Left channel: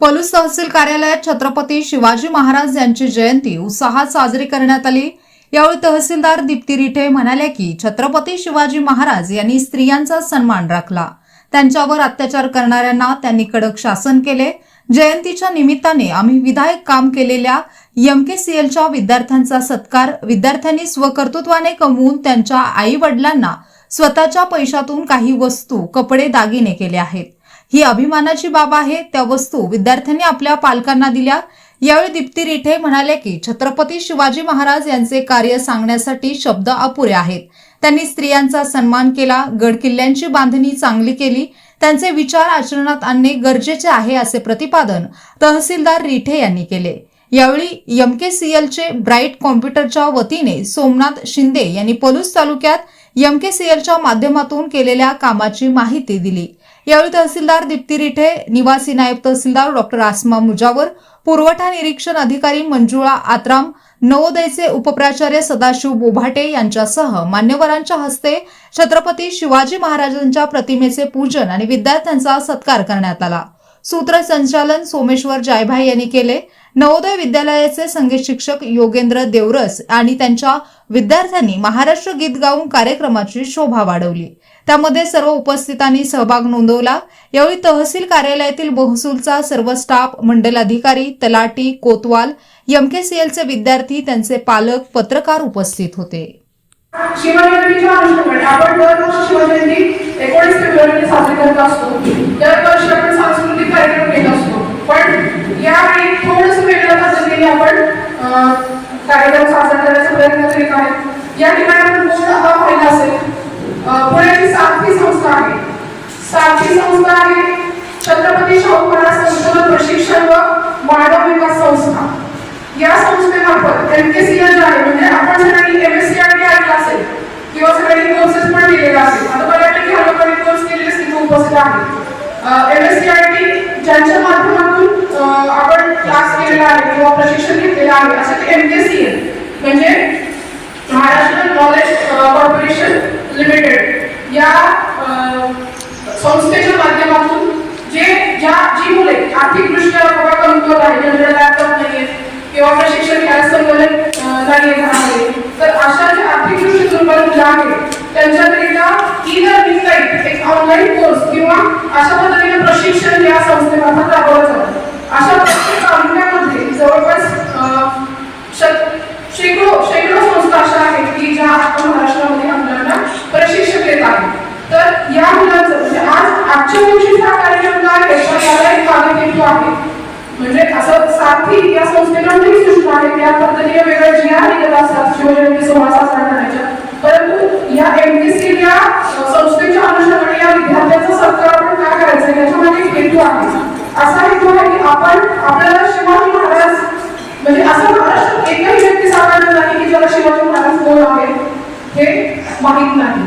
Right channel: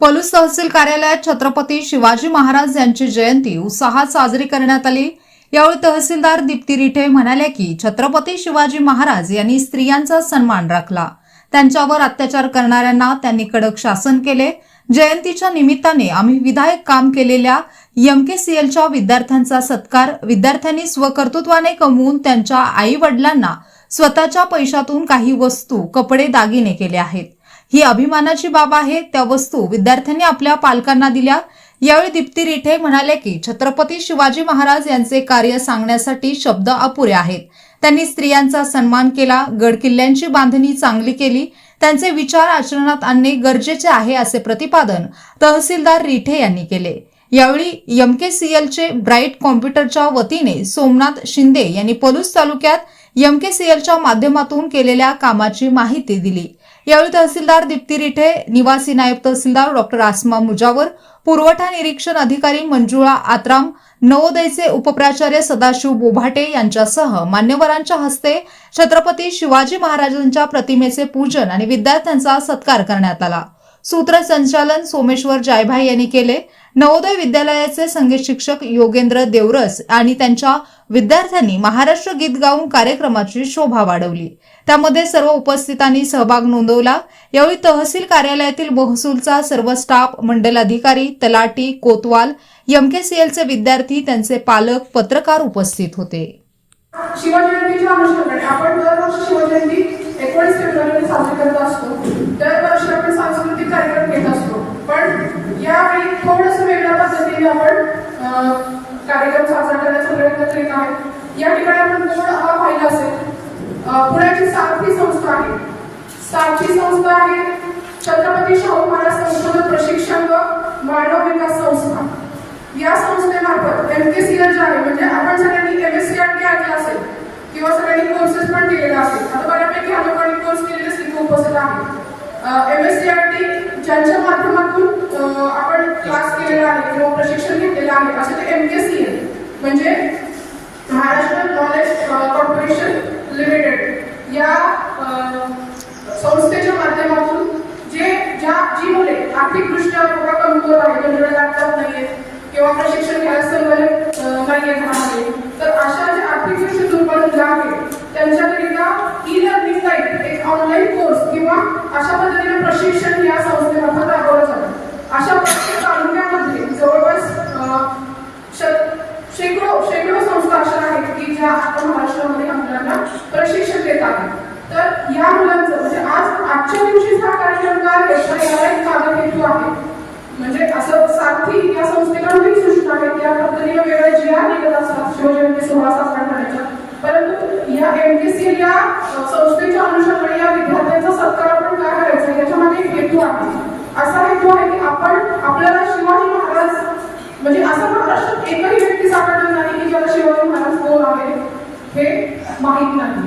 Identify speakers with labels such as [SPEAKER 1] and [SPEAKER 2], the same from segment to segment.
[SPEAKER 1] पलूस तहसील कार्यालयात छत्रपती शिवाजी महाराज यांची जयंती उत्साहात साजरी करण्यात आली. यावेळी तहसीलदार दीप्ती रिठे म्हणाल्या की छत्रपती शिवाजी महाराज यांनी स्त्रियांचा सन्मान राखला. त्यांच्यावर अत्याचार करणाऱ्यांना त्यांनी कडक शासन केले. जयंतीच्या निमित्ताने आम्ही विधायक काम केलेल्या एमकेसीएलच्या विद्यार्थ्यांचा सत्कार विद्यार्थ्यांनी स्वकर्तृत्वाने कमवून त्यांच्या आई वडिलांना स्वतःच्या पैशातून काही वस्तू कपडे दागिने केले आहेत. ही अभिमानाची बाब आहे. त्या वस्तू विद्यार्थ्यांनी आपल्या पालकांना दिल्या. यावेळी दीप्ती रिठे म्हणाले की छत्रपती शिवाजी महाराज यांचे कार्य सांगण्यासाठी शब्द अपुरे आहेत. त्यांनी स्त्रियांचा सन्मान केला गडकिल्ल्यांची बांधणी चांगली केली. त्यांचे विचार आचरणात आणणे गरजेचे आहे असे प्रतिपादन तहसीलदार रिठे यांनी केले. यावेळी एमकेसीएलचे ब्राईट कॉम्प्युटरच्या वतीने सोमनाथ शिंदे यांनी पलूस तालुक्यात एमकेसीएलच्या माध्यमातून केलेल्या कामाची माहिती दिली. यावेळी तहसीलदार दीप्ती रिठे निवासी नायब तहसीलदार डॉक्टर आसमा मुजावर पुरवठा निरीक्षण अधिकारी मंजुळा आत्राम नवोदयचे उपप्राचार्य सदाशिव बोभाटे यांच्यासह मान्यवरांच्या हस्ते छत्रपती शिवाजी महाराजांच्या प्रतिमेचे पूजन आणि विद्यार्थ्यांचा सत्कार करण्यात आला. सूत्रसंचालन सोमेश्वर जायभाई यांनी केले. नवोदय विद्यालयाचे संगीत शिक्षक योगेंद्र देवरस आणि त्यांच्या विद्यार्थ्यांनी महाराष्ट्र गीत गाऊन कार्यक्रमाची शोभा वाढवली. त्यामध्ये सर्व उपस्थितांनी सहभाग नोंदवला. यावेळी तहसील कार्यालयातील महसूलचा सर्व स्टाफ मंडल अधिकारी तलाटी कोतवाल एमकेसीएलचे विद्यार्थी त्यांचे पालक पत्रकार उपस्थित होते
[SPEAKER 2] शिवजयंतीच्या अनुषंगाने आपण दरवर्षी शिवजयंती एकोणीस फेब्रुवारीला साजरी करत असतो दरवर्षी आपण सांस्कृतिक कार्यक्रम घेत असतो पण यावेळी थोडस वेगळ्या पद्धतीने आपण अं, कार्यक्रम साजरा करण्याचा प्रयत्न करीत आहे या ठिकाणी आपण बोर्ड हा पाहिला असेल अं, पुण्याची सारथी संस्था आहे सारथी संस्था आहे. छत्रपती शाहू महाराज संशोधन प्रशिक्षण व मानव विकास संस्था. या संस्थेमार्फत एमकेसीएल जे आहे म्हणजे आपण सगळ्यांनी एमएससीआरटी ऐकलं असेल किंवा सगळ्यांनी कोर्सेस पण केलेले असेल आता बऱ्यापैकी ह्या लोकांनी कोर्स केले असतील उपस्थित आहे एमएससीआरटी ज्यांच्या माध्यमातून आपण क्लास केलेला आहे किंवा प्रशिक्षण घेतलेलं आहे असं ते एमकेसीएल म्हणजे महाराष्ट्र नॉलेज कॉर्पोरेशन लिमिटेड या अं, संस्थेच्या माध्यमातून जे ज्या जी मुले आर्थिकदृष्ट्या बघा कमकुवत आहे. ज्यांच्याकडे लॅपटॉप नाहीये. किंवा प्रशिक्षण घ्यायला संगणक नाही नाहीये तर अशा जे आर्थिकदृष्ट्या दुर्बल मुलं आहेत त्यांच्याकरिता ई लर्निंग टाईप एक ऑनलाईन कोर्स किंवा अशा पद्धतीने प्रशिक्षण या संस्थेमार्फत राबवलं जातं. अशा प्रत्येक तालुक्यामध्ये जवळपास अं, शत- शेकडो शेकडो संस्था अशा आहेत की ज्या आता महाराष्ट्रामध्ये या मुलांना प्रशिक्षण देत आहेत तर या मुलांचं म्हणजे आज आजच्या दिवशी हा कार्यक्रम काय आहे याला एक मागे आहे. म्हणजे असं साथी या संस्थेला ही सूचना आहे त्या पद्धतीने वेगळ्या जी आर निघत असतात शिवजयंती सोहळा साजरा करण्याच्या परंतु या एम बी सी या संस्थेच्या अनुषंगाने या विद्यार्थ्यांचा सत्कार आपण काय करायचं? याच्या मागे एक हेतू आहे. असा हेतू आहे की आपण आपल्याला शिवाजी महाराज म्हणजे असं महाराष्ट्र एकही व्यक्ती सापडला नाही की ज्याला शिवाजी महाराज कोण आहे हे माहीत नाही.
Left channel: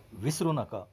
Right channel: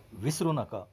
[SPEAKER 3] विसरू नका.